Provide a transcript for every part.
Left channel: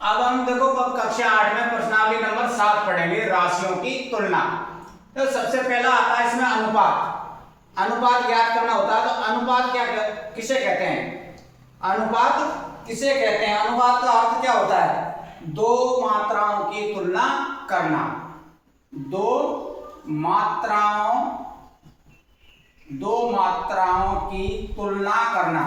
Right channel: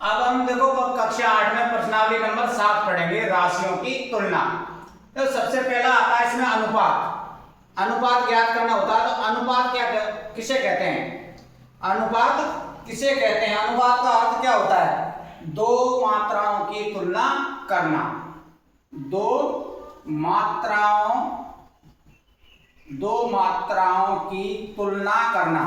अब हम देखो कक्षा 8 में प्रश्नावली नंबर 7 पढ़ेंगे, राशियों की तुलना। तो सबसे पहला आता है इसमें अनुपात। अनुपात ज्ञात करना होता है। तो अनुपात किसे कहते हैं? अनुपात किसे कहते हैं? अनुपात का अर्थ क्या होता है? दो मात्राओं की तुलना करना। दो मात्राओं की तुलना करना।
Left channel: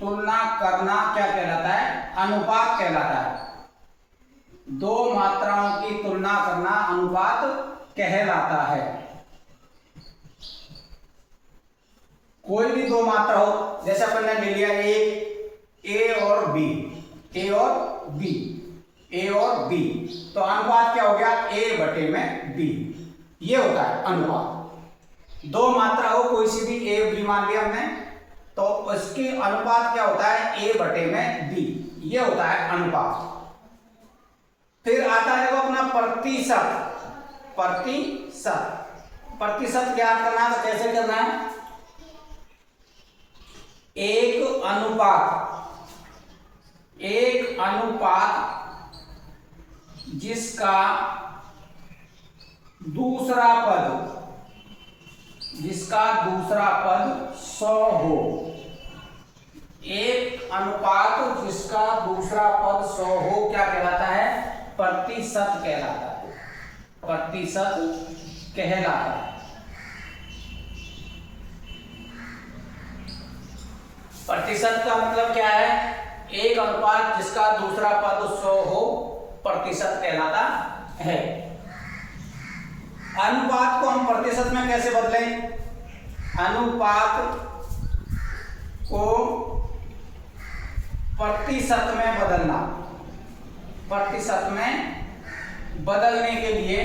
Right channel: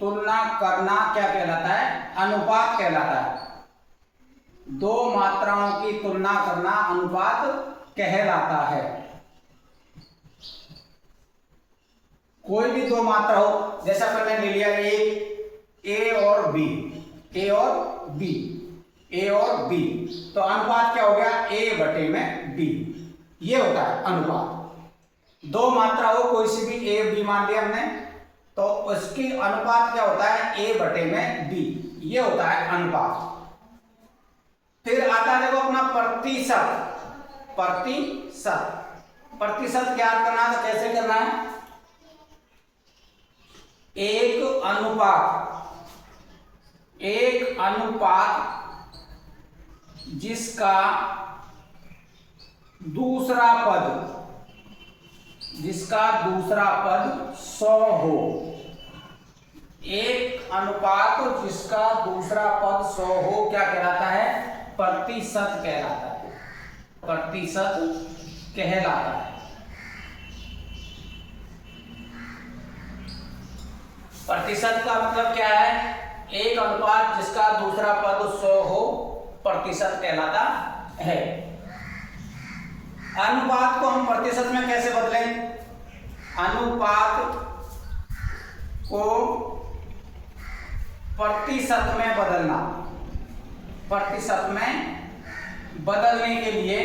तुलना करना क्या कहलाता है? अनुपात कहलाता है। दो मात्राओं की तुलना करना अनुपात कहलाता है। कोई भी दो मात्रा हो, जैसा अपन ने ले लिया ए और बी, ए और बी, ए और बी, तो अनुपात क्या हो गया? ए बटे में बी। ये होता है अनुपात। दो मात्रा हो, कोई सी भी ए बी मान लिया हमने, तो उसकी अनुपात क्या होता है? ए बटे में बी। ये होता है अनुपात। फिर आता है देखो अपना प्रतिशत। प्रतिशत ज्ञात करना है तो कैसे करना है? एक अनुपात जिसका दूसरा पद 100 हो। एक अनुपात जिसका दूसरा पद 100 हो क्या कहलाता है? प्रतिशत कहलाता है। प्रतिशत कहलाता है। प्रतिशत का मतलब क्या है? एक अनुपात जिसका दूसरा पद 100 हो, प्रतिशत कहलाता है। अनुपात को हम प्रतिशत में कैसे बदलें? अनुपात को प्रतिशत में बदलना। प्रतिशत में बदलने के लिए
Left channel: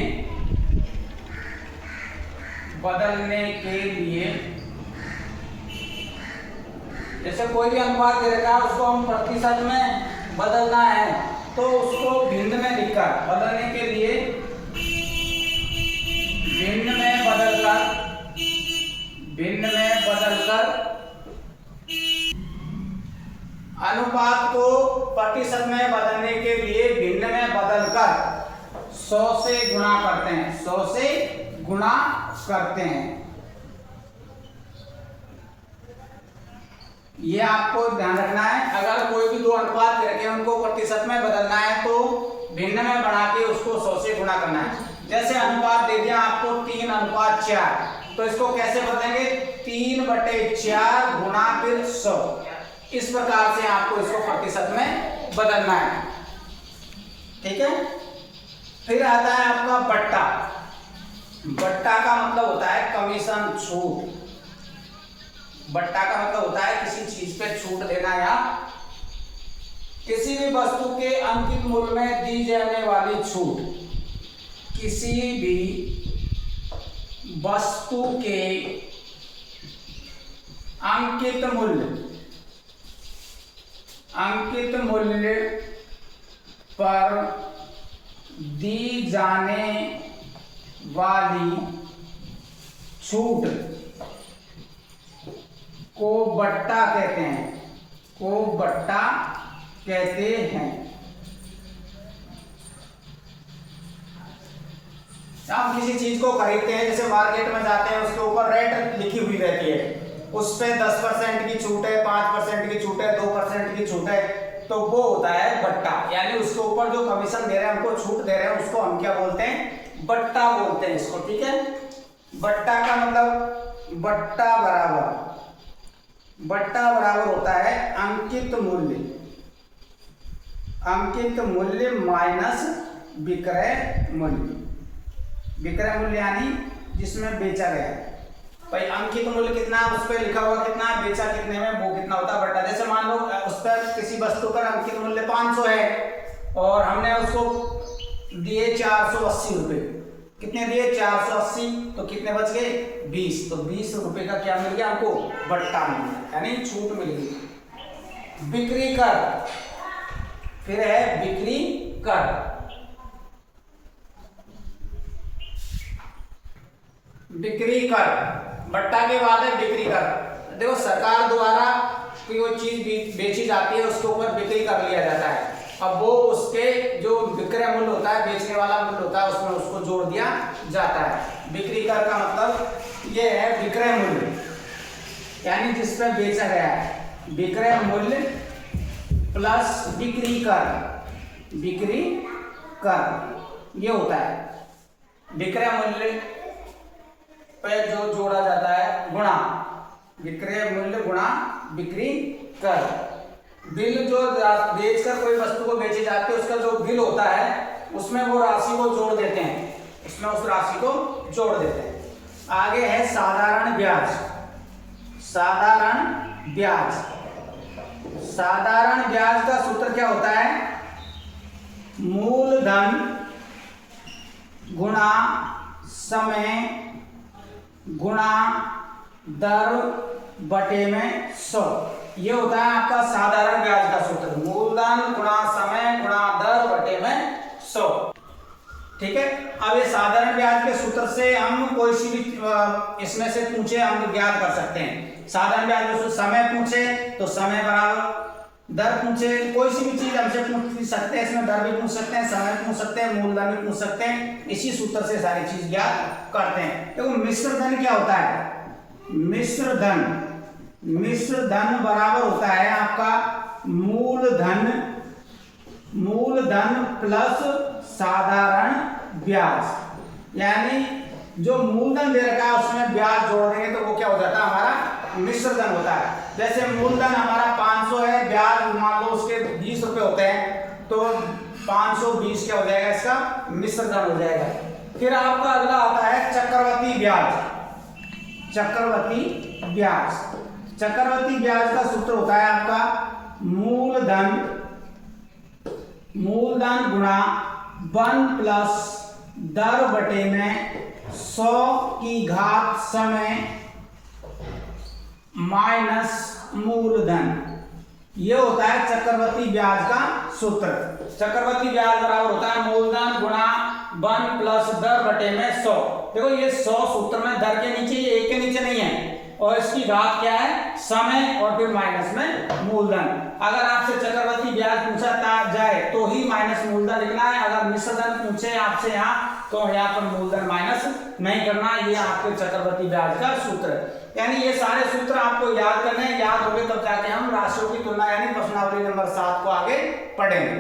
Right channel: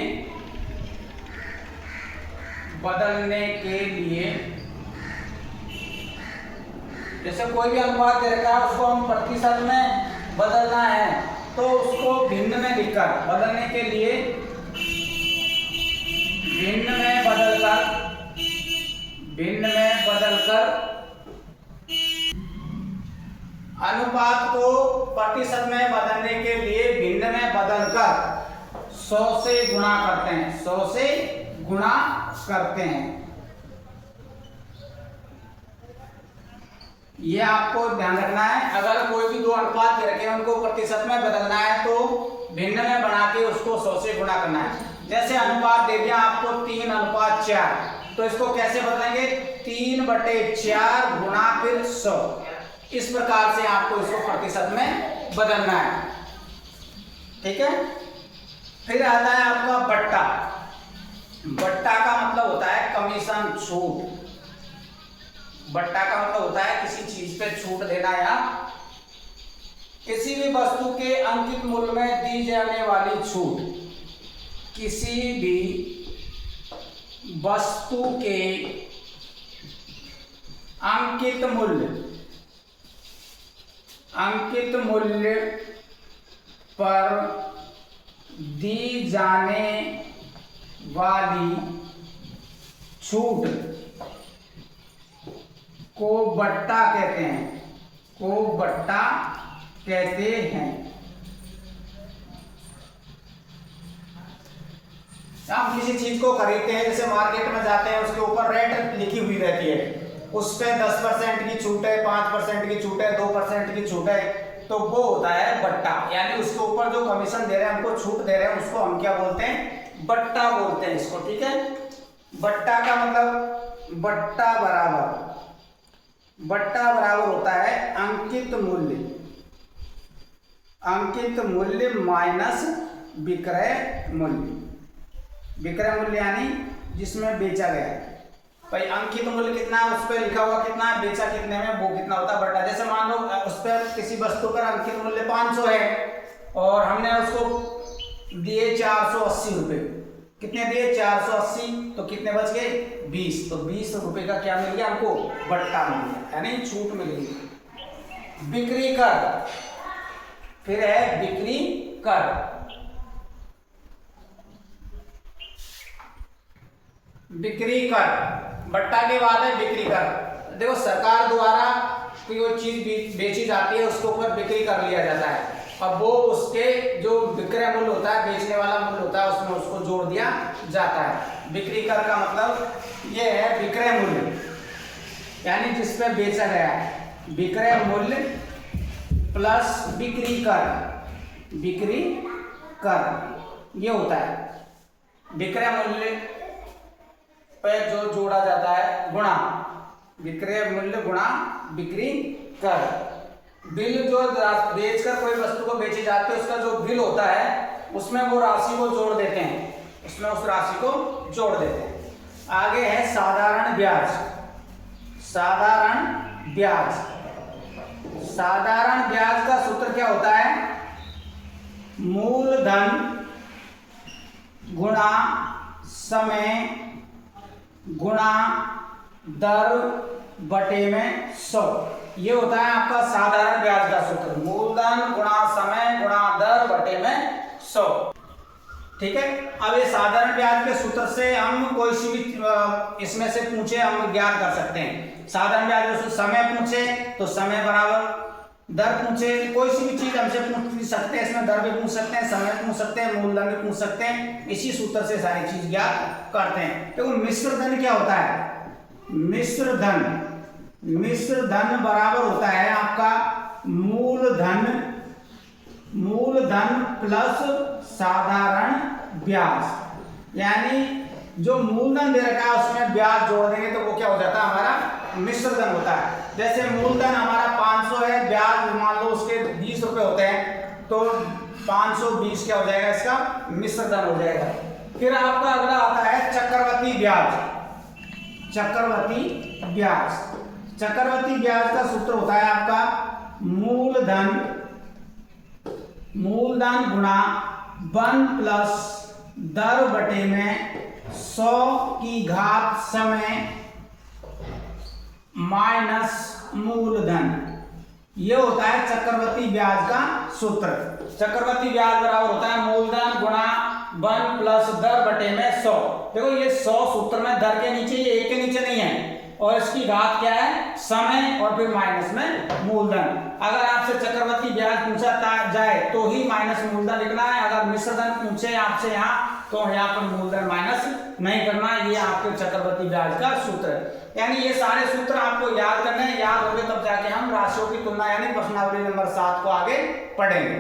जैसे कोई भी अनुपात दे रखा है, उसको हम प्रतिशत में बदलना है, तो उसको भिन्न में लिखकर बदलने के लिए भिन्न में बदलकर अनुपात को प्रतिशत में बदलने के लिए भिन्न में बदलकर 100 से गुणा करते हैं। 100 से गुणा करते हैं। ये आपको ध्यान रखना है। अगर कोई भी दो अनुपात रखे हैं, उनको प्रतिशत में बदलना है तो भिन्न में बना के उसको 100 से गुणा करना है। जैसे अनुपात दे दिया आपको 3:4, तो इसको कैसे बदलेंगे? 3/4 गुणा फिर 100। इस प्रकार से आपको इसको प्रतिशत में बदलना है। ठीक है। फिर आता है आपका बट्टा। बट्टा का मतलब होता है कमीशन, छूट। बट्टा का मतलब होता है किसी चीज पे छूट देना या किसी भी वस्तु के अंकित मूल्य में दी जाने वाली छूट। किसी भी वस्तु के अंकित मूल्य पर दी जाने वाली छूट को बट्टा कहते हैं। हम किसी चीज को खरीदते हैं, जैसे मार्केट में जाते हैं, उसके ऊपर रेट लिखी हुई रहती है, उस पे 10% की छूट है, 5% की छूट है, 2% की छूट है, तो वो होता है बट्टा। यानी उसके ऊपर जो कमीशन दे रहे हैं, हमको छूट दे रहे हैं, उसको हम क्या बोलते हैं? बट्टा बोलते हैं इसको। ठीक है। बट्टा का मतलब बट्टा बराबर होता है अंकित मूल्य माइनस विक्रय मूल्य। विक्रय मूल्य यानी जिसमें बेचा गया है। भाई अंकित मूल्य कितना है, उस पर लिखा हुआ कितना है, बेचा कितने में, वो कितना होता है बट्टा। जैसे मान लो उस पर किसी वस्तु पर अंकित मूल्य 500 है और हमने उसको दिए 480 रुपए। कितने दिए? 480। तो कितने बच गए? 20। तो 20 रुपए का क्या मिल गया हमको? बट्टा मिल गया, यानी छूट मिल गई। बिक्री कर, फिर है बिक्री कर। बिक्री कर, बट्टा के बाद है बिक्री कर। देखो सरकार द्वारा कोई चीज बेची जाती है उसके ऊपर बिक्री कर लिया जाता है। अब वो उसके जो विक्रय मूल्य होता है, बेचने वाला मूल्य होता है, उसमें उसको जोड़ दिया जाता है। बिक्री कर का मतलब ये है विक्रय मूल्य, यानी जिस पर बेचा गया है, विक्रय मूल्य प्लस बिक्री कर, बिक्री कर ये होता है। विक्रय मूल्य पे जो जोड़ा जाता है गुणा विक्रय मूल्य गुणा बिक्री कर। बिल जो बेचकर कोई वस्तु को बेची जाती है उसका जो बिल होता है उसमें वो राशि को जोड़ देते हैं, उसमें उस राशि को जोड़ देते हैं। आगे है साधारण ब्याज। साधारण ब्याज, साधारण ब्याज का सूत्र क्या होता है? मूलधन गुणा समय गुणा दर बटे में 100, ये होता है आपका साधारण ब्याज का सूत्र। मूलधन गुणा समय गुणा दर बटे में 100। ठीक है, अब ये साधारण ब्याज के सूत्र से हम कोई सी भी इसमें से पूछे हम ज्ञात कर सकते हैं। साधारण ब्याज में समय पूछे तो समय बराबर, दर पूछे कोई सी भी चीज हमसे पूछ सकते हैं, इसमें दर भी पूछ सकते हैं, समय पूछ सकते हैं, मूलधन भी पूछ सकते हैं। इसी सूत्र से सारी चीज ज्ञात करते हैं। देखो मिश्र धन क्या होता है? मिश्र धन, मिश्र धन बराबर होता है आपका मूलधन, मूलधन प्लस साधारण ब्याज। यानी जो मूलधन दे रखा है उसमें ब्याज जोड़ देंगे तो वो क्या हो जाता है? हमारा मिश्र धन होता है। जैसे मूलधन हमारा 500 है, ब्याज मान लो उसके 20 रुपए होते हैं, तो 520 क्या हो जाएगा? इसका मिश्र धन हो जाएगा। फिर आपका अगला आता है चक्रवृद्धि ब्याज। चक्रवृद्धि ब्याज, चक्रवृद्धि ब्याज का सूत्र होता है आपका मूलधन, मूलधन गुणा 1 प्लस दर बटे में 100 की घात समय माइनस मूलधन, ये होता है चक्रवृद्धि ब्याज का सूत्र। चक्रवृद्धि ब्याज बराबर होता है मूलधन गुणा 1 प्लस दर बटे में 100। देखो ये 100 सूत्र में दर के नीचे, ये 1 के नीचे नहीं है, और इसकी घात क्या है? समय और फिर माइनस में मूलधन। अगर आपसे चक्रवृद्धि ब्याज पूछा जाए तो ही माइनस मूलधन लिखना है। अगर मिश्र धन पूछे आपसे यहाँ तो यहाँ पर मूलधन माइनस नहीं करना। ये आपके चक्रवृद्धि ब्याज का सूत्र है। यानी ये सारे सूत्र आपको याद करने हैं, याद होंगे तब जाके हम राशियों की तुलना यानी प्रश्नावली नंबर 7 को आगे पढ़ेंगे।